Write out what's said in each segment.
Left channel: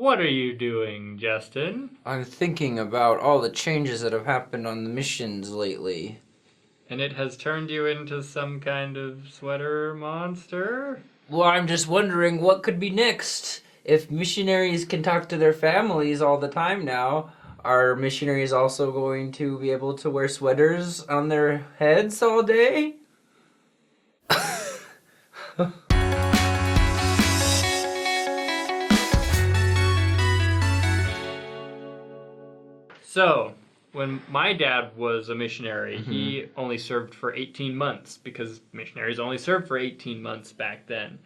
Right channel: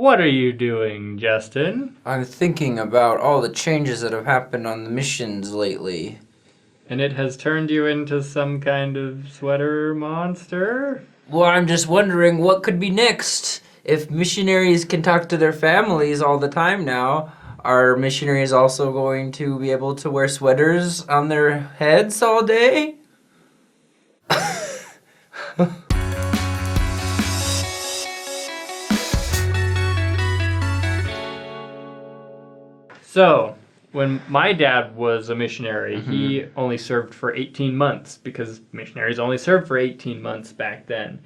What are you doing, Justin? I'm thinking about all the changes that have happened on the missions lately. And it has turned you into some kind of sweater monster? Well, I'm just wondering what could be next. If missionaries can talk to their families all the time now, are missionaries also going to be able to wear sweaters on their heads all day? So, when my dad was a missionary, he only served for 18 months because missionaries only served for 18 months back then.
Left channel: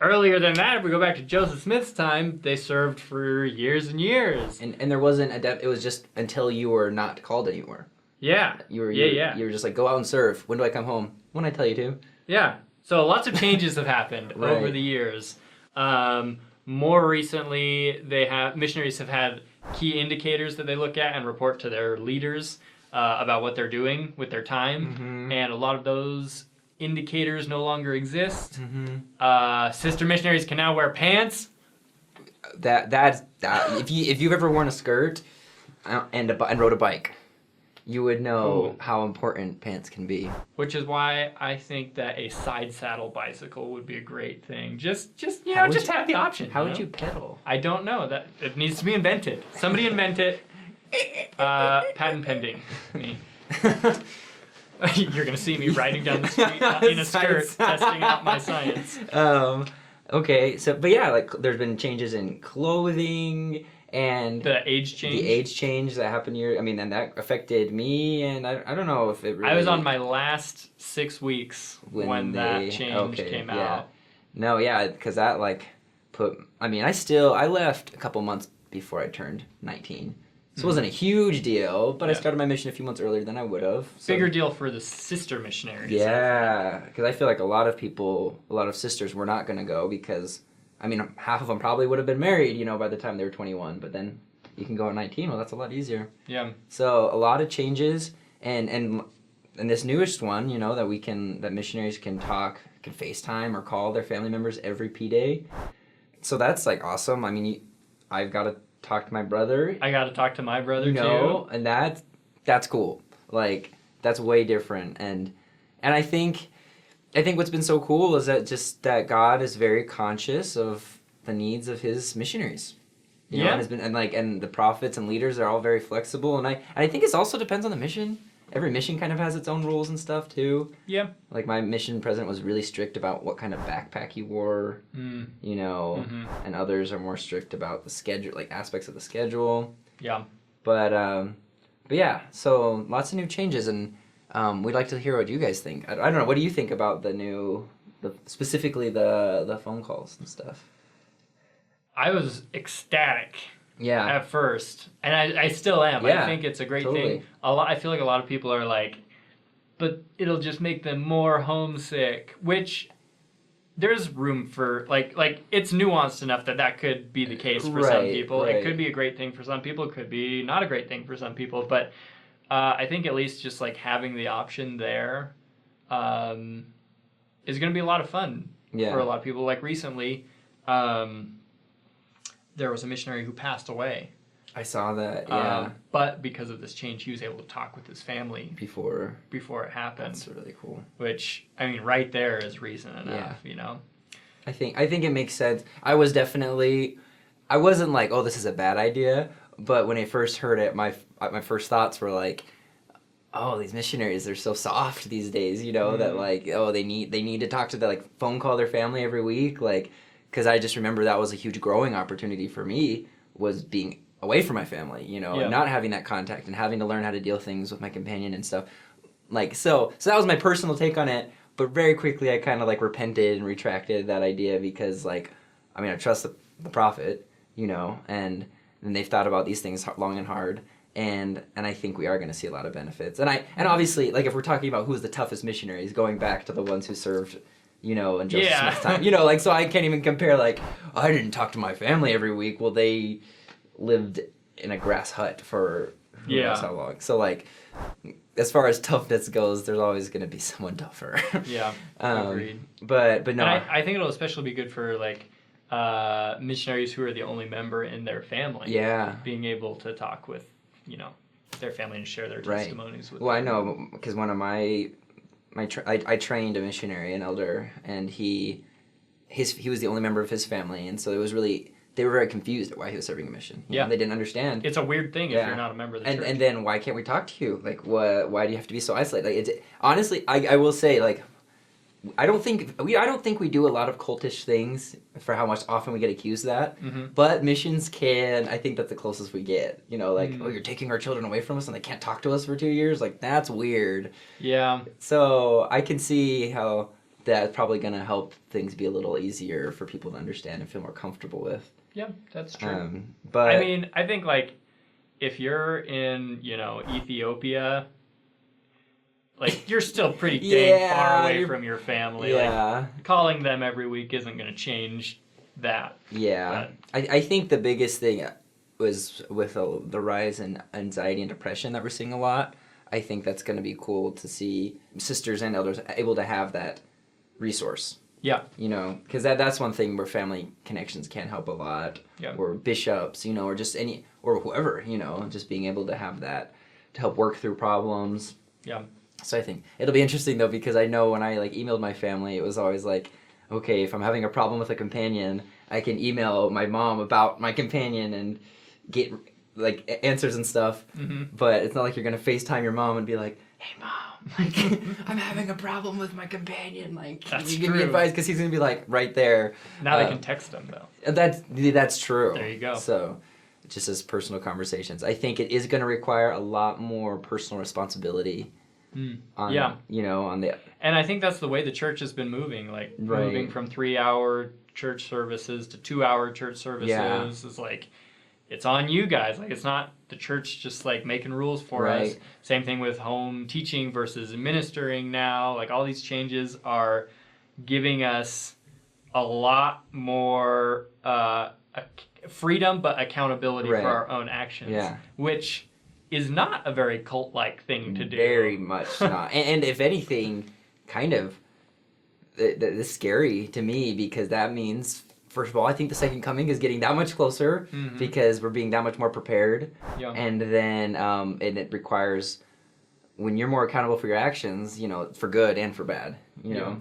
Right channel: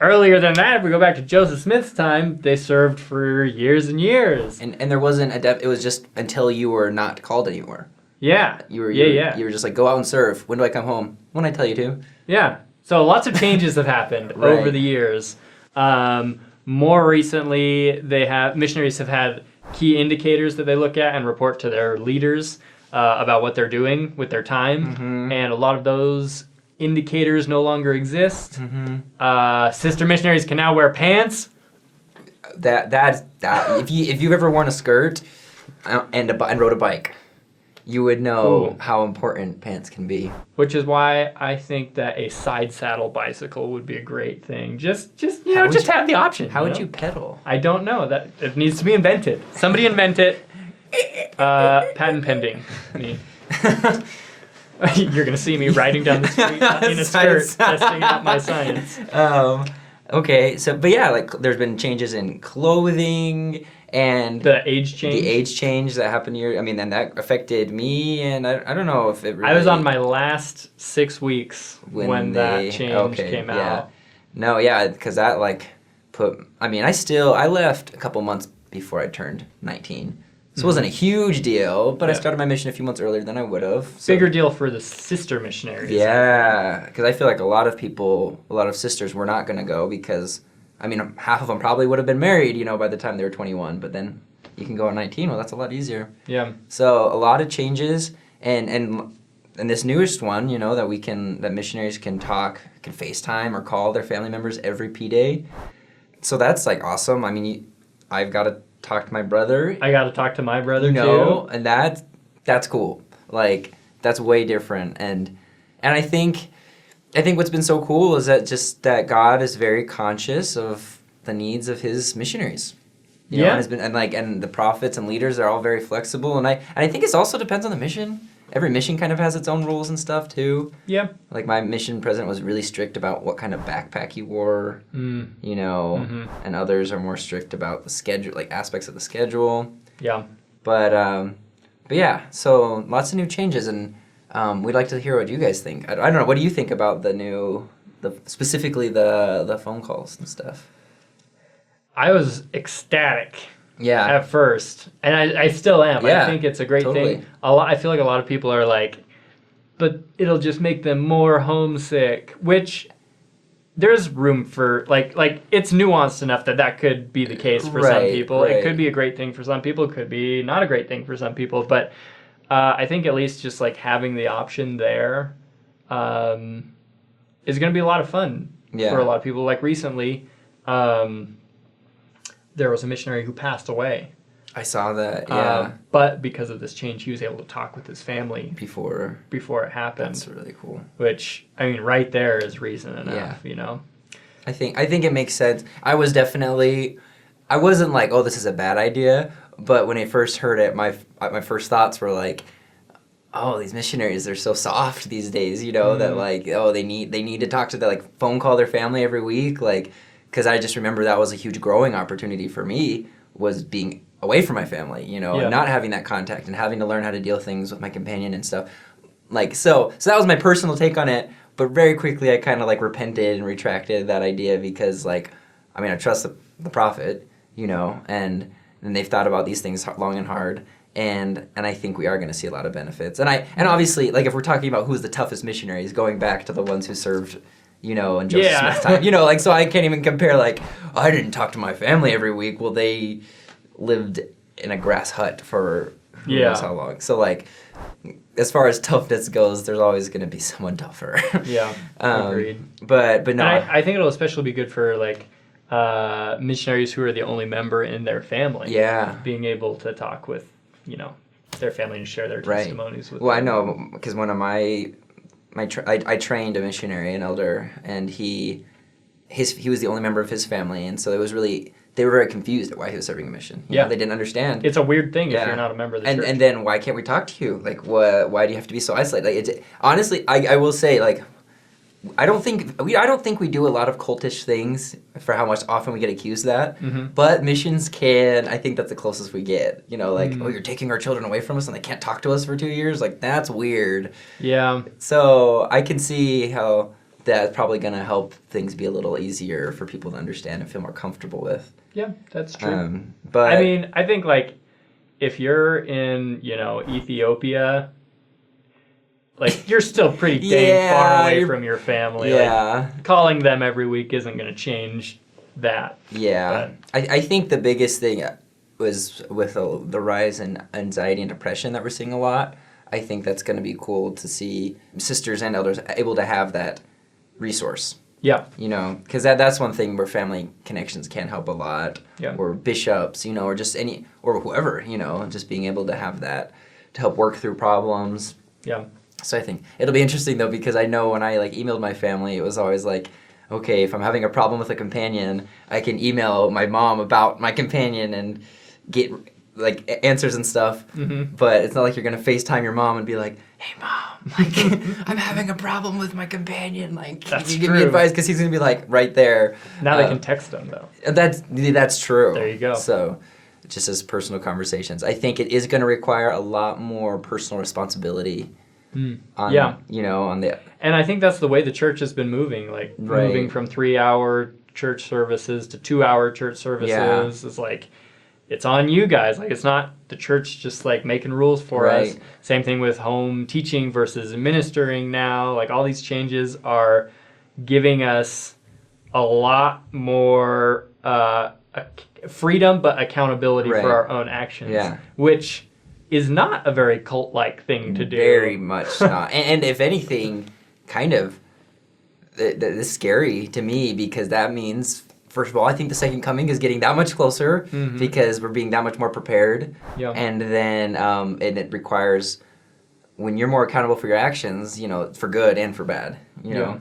Earlier than that, if we go back to Joseph Smith's time, they served for years and years. And there wasn't it was just until you were not called anymore. Yeah. You were just like, go out and serve. When do I come home? When I tell you to. Yeah. So lots of changes have happened Right. over the years. More recently, missionaries have had key indicators that they look at and report to their leaders about what they're doing with their time, and a lot of those indicators no longer exist. Sister missionaries can now wear pants. That if you've ever worn a skirt and rode a bike, you would know how important pants can be. Which is why I think that a side saddle bicycle would be a great thing. Just have the option. How would you pedal? I don't know. That it needs to be invented. Somebody invent it. Patent pending. You're gonna see me riding down the street in a skirt, testing out my science. Okay, but yeah, like there's been changes in clothing and the age change. The age change that happened here. I mean, and that affected me, and I don't know if it really. I was on my last 6 weeks when that change came out. No, yeah, because that I left a couple months before I turned 19. So it wasn't a huge deal, but I started my mission a few months earlier than I would have. So. Bigger deal for the sister missionaries. Yeah, because I feel like a lot of sisters were not going to go because, I mean, half of them probably would have been married, by the time they were 21, but then you can go at 19. Well, that's a lot easier. Yeah. So a lot of changes, and this newest one, that missionaries can FaceTime or call their family members every P day. So that's like awesome. I mean, I've got to talk to my brother. I got to talk to my brother too. And that's cool. Like that's way different. And I think what's been so cool is that God is very conscious of the needs of his missionaries. And the prophets and leaders are all very flexible. And I think it also depends on the mission. Every mission kind of has its own rules and stuff too. Yeah. Like my mission president was really strict about what kind of backpack you wore, and others are more strict about the schedule, like aspects of the schedule. Yeah. But yeah, so lots of new changes, and we'd like to hear what you guys think. I don't know, what do you think about specifically the phone calls and stuff? I was ecstatic. Yeah. At first, and I still am. Yeah, I think it's a great totally. thing. I feel like a lot of people are like, but it'll just make them more homesick. Which there's room for like it's nuanced enough that could be the case for some people. Right. It could be a great thing for some people. It could be not a great thing for some people. But I think at least just like having the option there is going to be a lot of fun for a lot of people. Like recently. There was a missionary who passed away. I saw that, yeah. But because of this change, he was able to talk with his family before it happened. That's really cool. Which, I mean, right there is reason enough, I think it makes sense. I wasn't like, oh, this is a bad idea, but when I first heard it, my first thoughts were like, oh, these missionaries, they're so soft these days, that like, oh, they need to talk to phone call their family every week, like. Because I just remember that was a huge growing opportunity for me, was being away from my family, and not having that contact and having to learn how to deal things with my companion and stuff. Like, so that was my personal take on it, but very quickly I kind of repented and retracted that idea because I trust the prophet, and they've thought about these things long and hard. And I think we are going to see a lot of benefits. And obviously, if we're talking about who's the toughest missionaries, going back to the ones who served in Joseph Smith's time. So I can't even compare, I didn't talk to my family every week. Well, they lived in a grass hut for who knows how long. So, as far as toughness goes, there's always going to be someone tougher. Yeah, agreed. But no. I think it'll especially be good for, missionaries who are the only member in their family. Yeah. Being able to talk with, their family and share their Right. testimonies with Well, them. I know because one of I trained a missionary, an elder, and he was the only member of his family, and so it was really, they were very confused at why he was serving a mission. You know, they didn't understand. It's a weird thing if Yeah. you're not a member of the church. And then why can't we talk to you? Like, why do you have to be so isolated? Like, honestly, I will say, like, I don't think we do a lot of cultish things for how much often we get accused of that. Mm-hmm. But missions I think that's the closest we get. You know, like, oh, you're taking our children away from us and they can't talk to us for 2 years. Like, that's weird. Yeah. So I can see how that's probably going to help things be a little easier for people to understand and feel more comfortable with. Yeah, that's true. But I mean, I think, like, if you're in, Ethiopia, like, you're still pretty dang far away from your family. Yeah. Like, calling them every week isn't going to change that. Yeah. I think the biggest thing was with the rise in anxiety and depression that we're seeing a lot. I think that's going to be cool to see sisters and elders able to have that resource. Yeah. Because that's one thing where family connections can help a lot. Yeah. Or bishops, or just or whoever, just being able to have that to help work through problems. Yeah. So I think it'll be interesting though, because I know when I emailed my family, it was always like, okay, if I'm having a problem with a companion, I can email my mom about my companion and get answers and stuff. Mm-hmm. But it's not like you're gonna FaceTime your mom and be like, hey mom, I'm having a problem with my companion. Can you give me advice? Because he's gonna be right there. Now they can text them though. That's true. There you go. So just as personal conversations, I think it is gonna require a lot more personal responsibility. On the. And I think that's the way the church has been moving, moving from 3-hour church services to 2-hour church services. Yeah. It's it's on you guys. It's not the church just making rules for us. Same thing with home teaching versus ministering now. All these changes are giving us a lot more freedom, but accountability for our own actions. Yeah. Which is not a very cult-like thing to do. Very much not. And if anything, kind of, it's scary to me because that means, first of all, I think the second coming is getting that much closer because we're being that much more prepared. Yeah. And then and it requires, when you're more accountable for your actions, for good and for bad.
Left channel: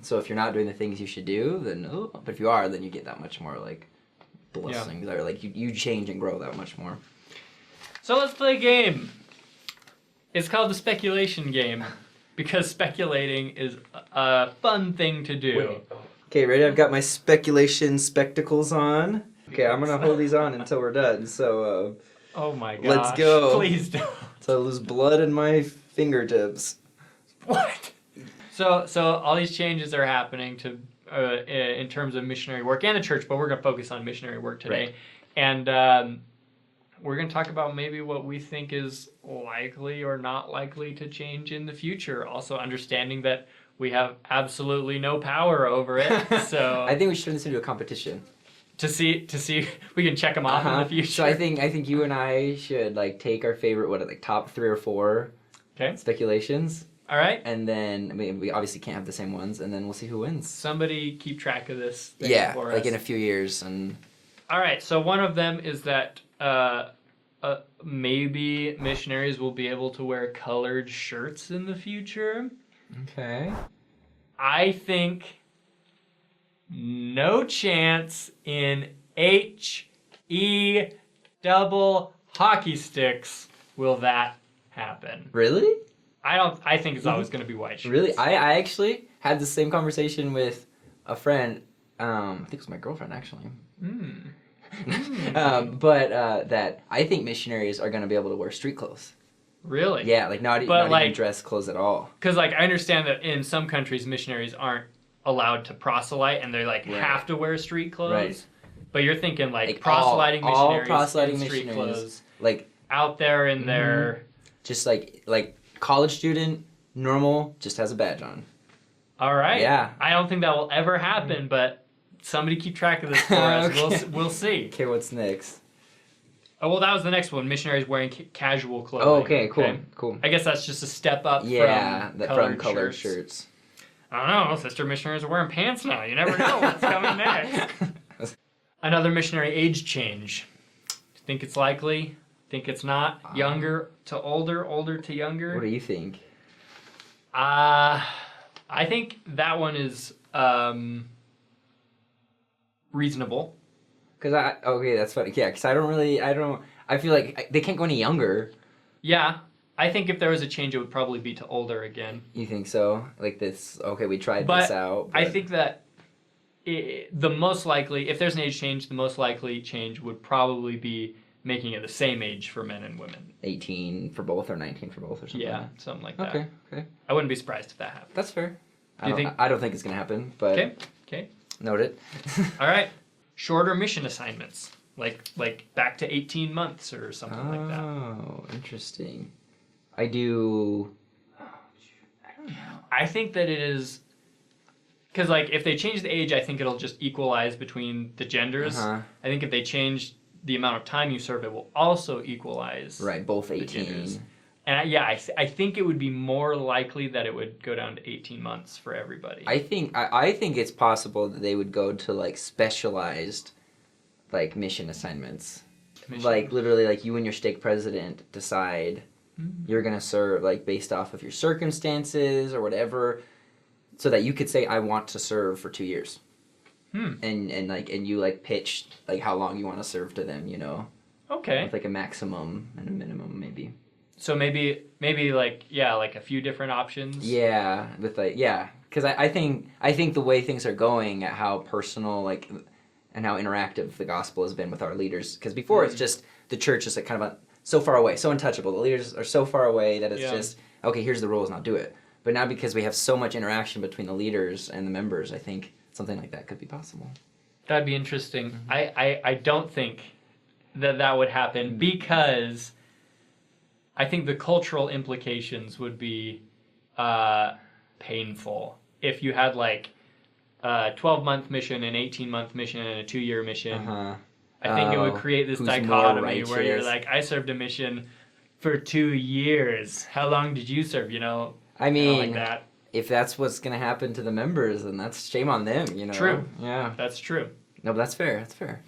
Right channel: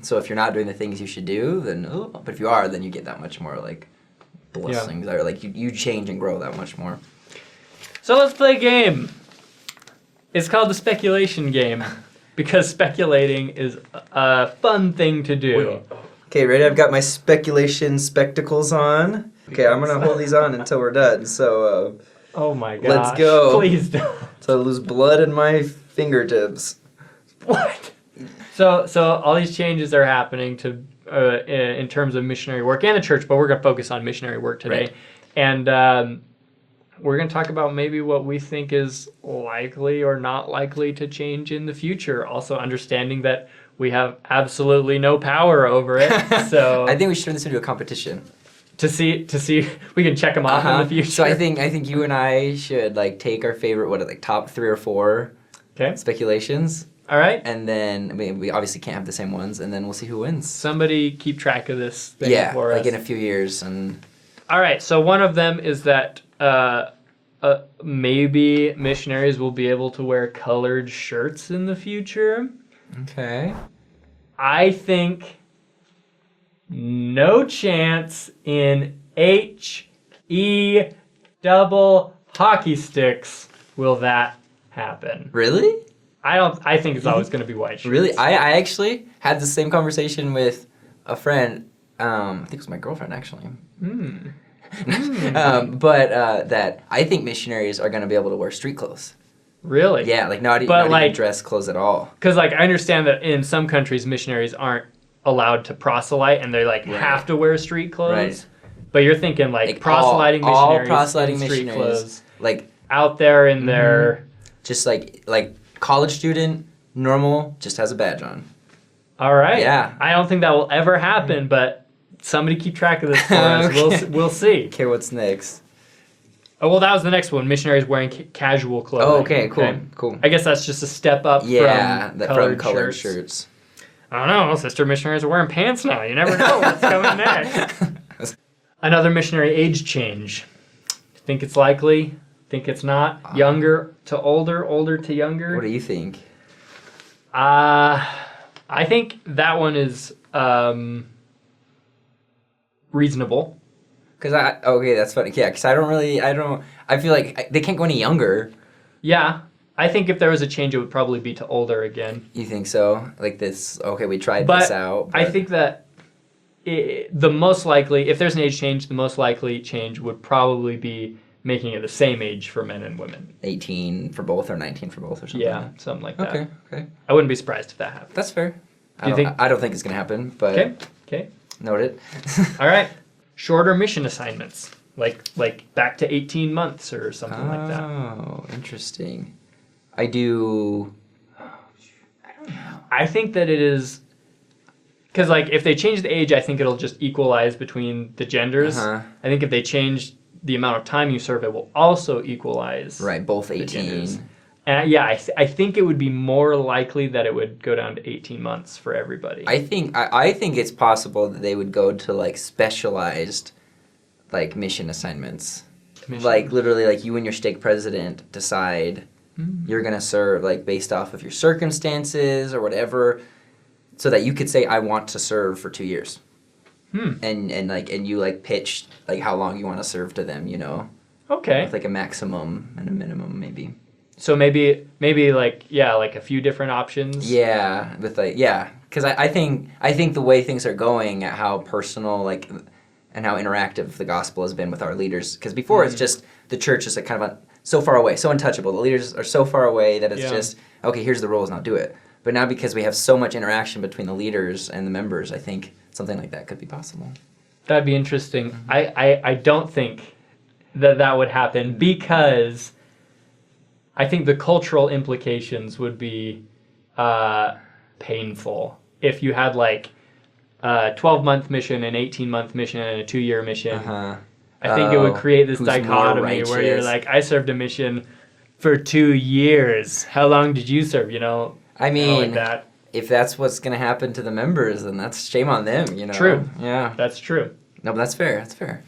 So if you're not doing the things you should do, then, but if you are, then you get that much more blessings. Or you change and grow that much more. So let's play a game. It's called the speculation game because speculating is a fun thing to do. Okay, ready? I've got my speculation spectacles on. Okay, I'm going to hold these on until we're done. So, oh my gosh. Let's go. Please don't. So I lose blood in my fingertips. What? So all these changes are happening to in terms of missionary work and the church, but we're going to focus on missionary work today. Right. And we're going to talk about maybe what we think is likely or not likely to change in the future. Also understanding that we have absolutely no power over it. So I think we should turn this into a competition. To see we can check them off in the future. So I think you and I should take our favorite top 3 or 4 speculations. All right. And then we obviously can't have the same ones, and then we'll see who wins. Somebody keep track of this thing for us. In a few years. And all right. So one of them is that maybe missionaries will be able to wear colored shirts in the future. Okay. I think no chance in HE double hockey sticks will that happen. Really? I think it's always going to be white shirts. Really? I actually had the same conversation with a friend. I think it was my girlfriend, actually. But that I think missionaries are going to be able to wear street clothes. Really? Yeah, not even dress clothes at all. Because I understand that in some countries missionaries aren't allowed to proselyte and they have to wear street clothes. Right. But you're thinking proselyting missionaries, all proselyting in street clothes, out there in their just like college student, normal, just has a badge on. All right. Yeah. I don't think that will ever happen, but somebody keep track of this for us. Okay. We'll see. Okay, what's next? Oh, well, that was the next one. Missionaries wearing casual clothing. Oh, okay, cool. I guess that's just a step up from colored shirts. I don't know. Sister missionaries are wearing pants now. You never know what's coming next. Another missionary age change. Think it's likely? Think it's not? Younger to older, older to younger? What do you think? I think that one is reasonable. Okay, that's funny. Yeah, because I feel like they can't go any younger. Yeah, I think if there was a change, it would probably be to older again. You think so? Like this, okay, we tried this out. I think that the most likely, if there's an age change, the most likely change would probably be making it the same age for men and women. 18 for both or 19 for both or something. Yeah, something like that. Okay. I wouldn't be surprised if that happened. That's fair. Do you think? I don't think it's going to happen, but... Okay. Noted. All right. Shorter mission assignments, like back to 18 months or something like that. Oh, interesting. I don't know. I think that it is... Because, like, if they change the age, I think it'll just equalize between the genders. Uh-huh. I think if they change the amount of time you serve, it will also equalize. Right, both the genders. 18. And yeah, I think it would be more likely that it would go down to 18 months for everybody. I think it's possible that they would go to, like, specialized, like, mission assignments. Like, literally, like, you and your stake president decide you're going to serve, like, based off of your circumstances or whatever, so that you could say, I want to serve for 2 years. And you, like, pitch, like, how long you want to serve to them, you know? Okay. With, like, a maximum and a minimum, maybe. So maybe like a few different options. Yeah, because I think the way things are going, how personal like and how interactive the gospel has been with our leaders. Because before it's just the church is like kind of so far away, so untouchable. The leaders are so far away that it's just okay. Here's the rules, now do it. But now because we have so much interaction between the leaders and the members, I think something like that could be possible. That'd be interesting. I don't think that would happen because I think the cultural implications would be painful if you had like a 12-month mission, an 18-month mission, and a 2-year mission. I think it would create this dichotomy where you're like, I served a mission for 2 years. How long did you serve? You know, I mean, like that. If that's what's going to happen to the members, then that's shame on them, you know? True. Yeah. That's true. No, but that's fair. That's fair.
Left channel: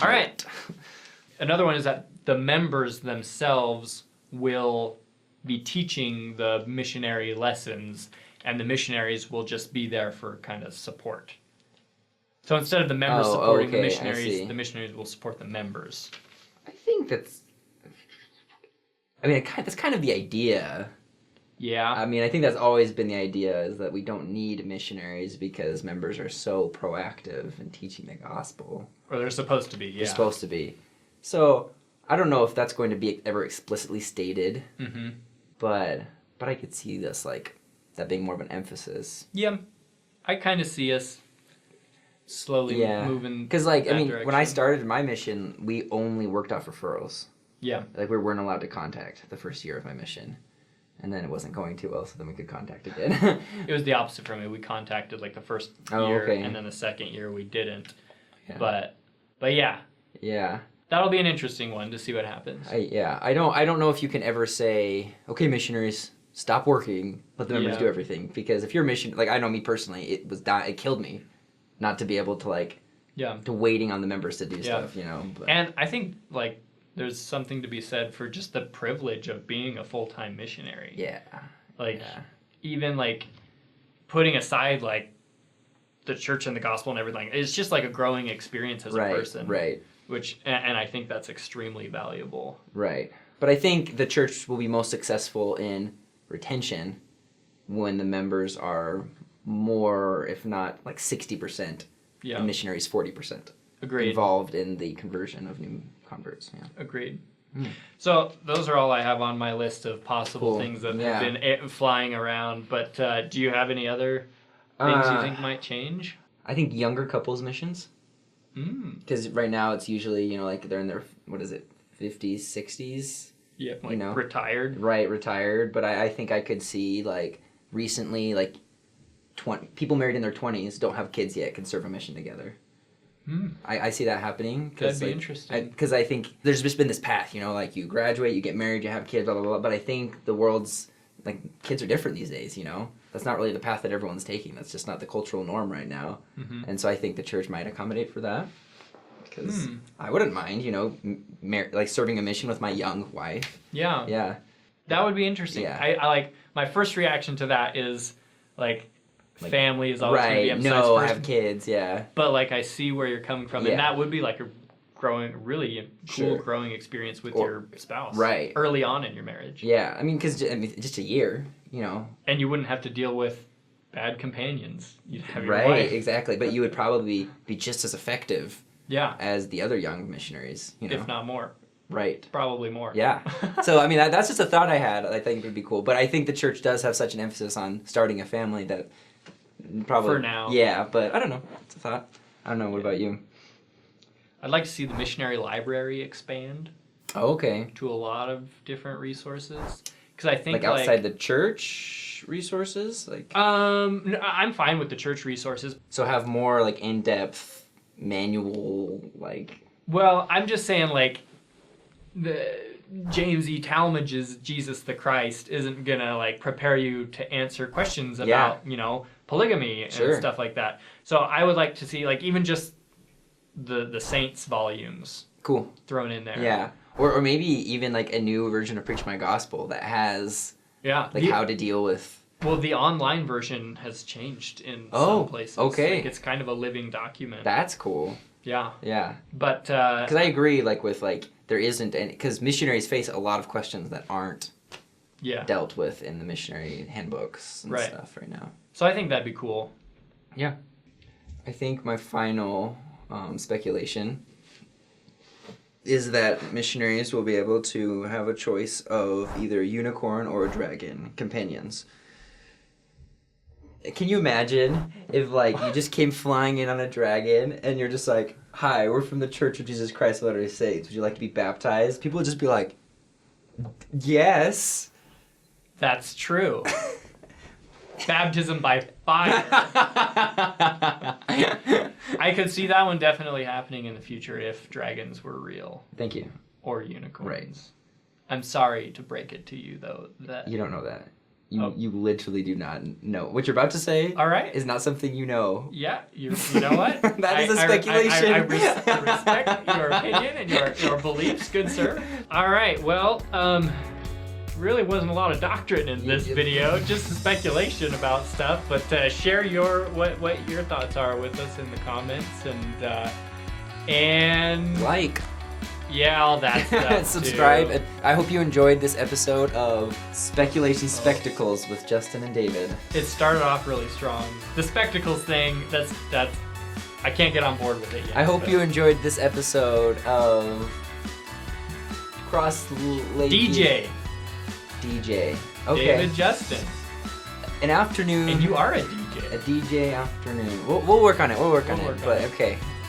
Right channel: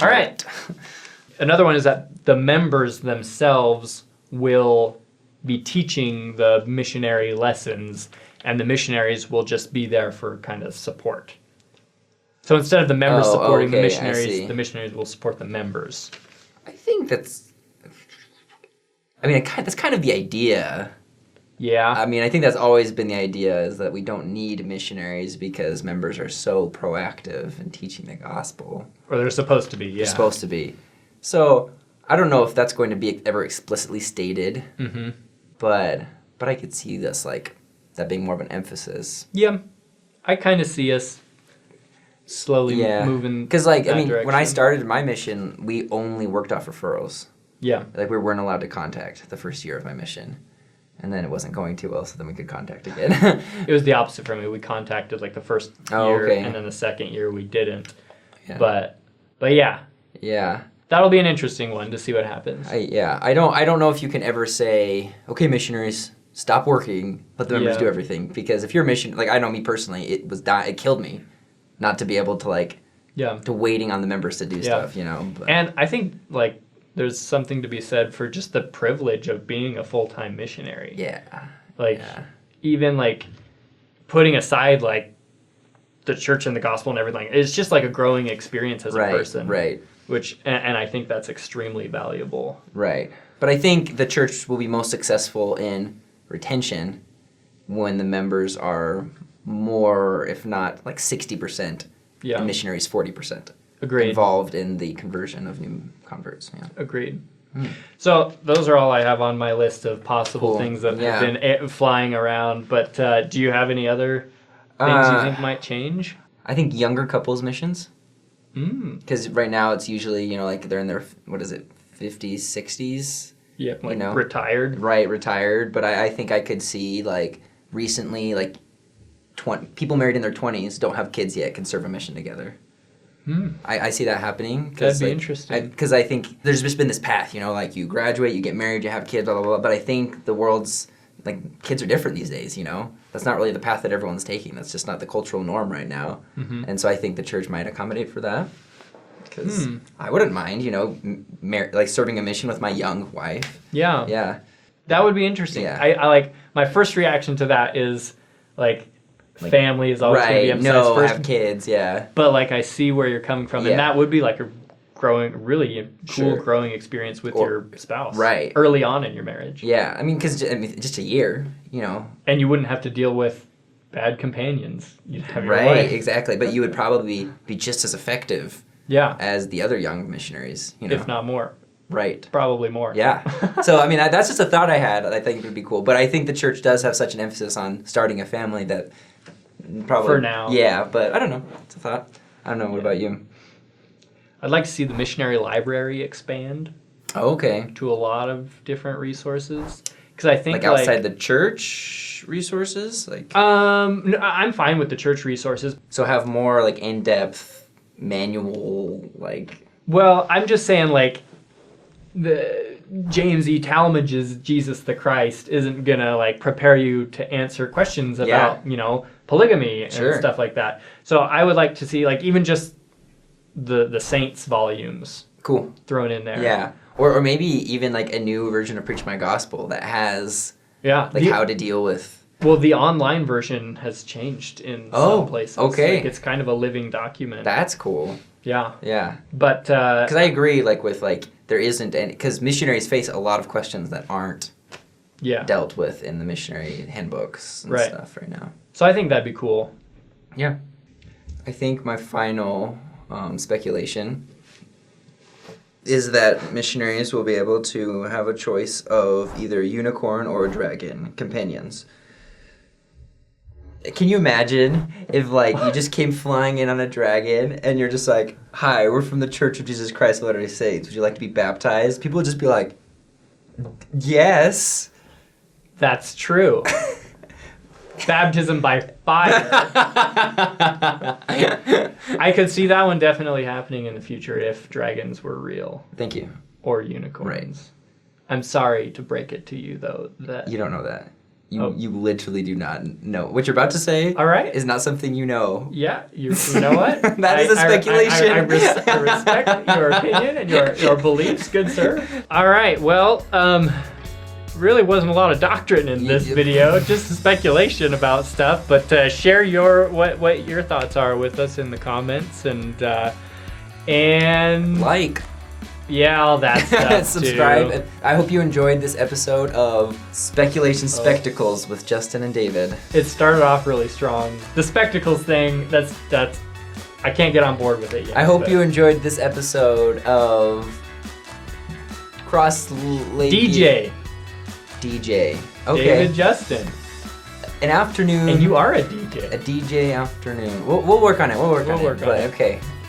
All right. Another one is that the members themselves will be teaching the missionary lessons, and the missionaries will just be there for kind of support. So instead of the members supporting the missionaries will support the members. I think that's kind of the idea. Yeah. I mean, I think that's always been the idea, is that we don't need missionaries because members are so proactive in teaching the gospel. Or they're supposed to be, yeah. They're supposed to be. So, I don't know if that's going to be ever explicitly stated, but I could see this, like, that being more of an emphasis. Yeah. I kind of see us slowly moving because, like, I mean, direction. when I started my mission, we only worked off referrals. Yeah. Like, we weren't allowed to contact the first year of my mission. And then it wasn't going too well, so then we could contact again. It was the opposite for me. We contacted like the first year, and then the second year we didn't. Yeah. But yeah. Yeah. That'll be an interesting one to see what happens. I don't know if you can ever say, okay, missionaries, stop working, let the members do everything. Because if you're a mission, like I know me personally, it killed me not to be able to like, to waiting on the members to do stuff, you know. But. And I think like there's something to be said for just the privilege of being a full-time missionary. Yeah. Like, even, like, putting aside, like, the church and the gospel and everything, it's just, like, a growing experience as a person. Right. Which, and I think that's extremely valuable. Right. But I think the church will be most successful in retention when the members are more, if not, like, 60%, and missionaries 40%. Agreed. Involved in the conversion of new converts. Yeah. Agreed. So those are all I have on my list of possible things that have been flying around. But do you have any other things you think might change? I think younger couples missions. Because right now it's usually, you know, like they're in their, 50s, 60s? Yeah, like you know? retired. Right, retired. But I think I could see, like, recently, like, people married in their 20s, don't have kids yet, can serve a mission together. I see that happening. That'd be interesting. Because I think there's just been this path, you know, like you graduate, you get married, you have kids, blah, blah, blah. But I think the world's, like, kids are different these days, you know? That's not really the path that everyone's taking. That's just not the cultural norm right now. And so I think the church might accommodate for that. because I wouldn't mind, like serving a mission with my young wife. Yeah. Yeah. That would be interesting. Yeah. I like, my first reaction to that is like family is always going to be Right. emphasized No, first. have kids. Yeah. But like, I see where you're coming from, Yeah. and that would be like a really cool Sure. growing experience with Or- your spouse. right. Early on in your marriage. Yeah. I mean, because just a year, And you wouldn't have to deal with bad companions. You'd have your Right. wife. Exactly. But you would probably be just as effective Yeah. as the other young missionaries. If not more. Right. Probably more. Yeah. So, I mean, that's just a thought I had. I think it would be cool. But I think the church does have such an emphasis on starting a family that probably... For now. Yeah, but I don't know. It's a thought. I don't know. What about you? I'd like to see the missionary library expand Oh, okay. to a lot of different resources. Because I think Like outside the church resources? no, I'm fine with the church resources. So have more, like, in-depth manual, like... Well, I'm just saying, like, the James E. Talmage's Jesus the Christ isn't gonna like prepare you to answer questions about polygamy and Sure. stuff like that. So I would like to see like even just the saints volumes Cool. thrown in there. Yeah. Or maybe even, like, a new version of Preach My Gospel that has, Yeah. like, how to deal with... Well, the online version has changed in some places. Okay. Like, it's kind of a living document. That's cool. Yeah. Yeah. But Because I agree, like, with, like, there isn't any... Because missionaries face a lot of questions that aren't dealt with in the missionary handbooks and stuff right now. So I think that'd be cool. Yeah. I think my final speculation is that missionaries will be able to have a choice of either a unicorn or a dragon companions. Can you imagine if, like, you just came flying in on a dragon and you're just like, hi, we're from the Church of Jesus Christ of Latter-day Saints. Would you like to be baptized? People would just be like, yes. That's true. Baptism by fire. I could see that one definitely happening in the future if dragons were real. Thank you. Or unicorns. Right. I'm sorry to break it to you, though. That You don't know that. You literally do not know. What you're about to say All right. is not something you know. Yeah, you know what? That is a speculation. I respect your opinion and your beliefs, good sir. All right, well, really wasn't a lot of doctrine in this video, just speculation about stuff. But share what your thoughts are with us in the comments and Like. Yeah, all that stuff. Subscribe. Too. And I hope you enjoyed this episode of Speculation Spectacles with Justin and David. It started off really strong. The spectacles thing, that's I can't get on board with it yet. I hope you enjoyed this episode of DJ. Okay. David Justin. An afternoon. And you are a DJ. A DJ afternoon. We'll work on it. We'll work on it. Okay.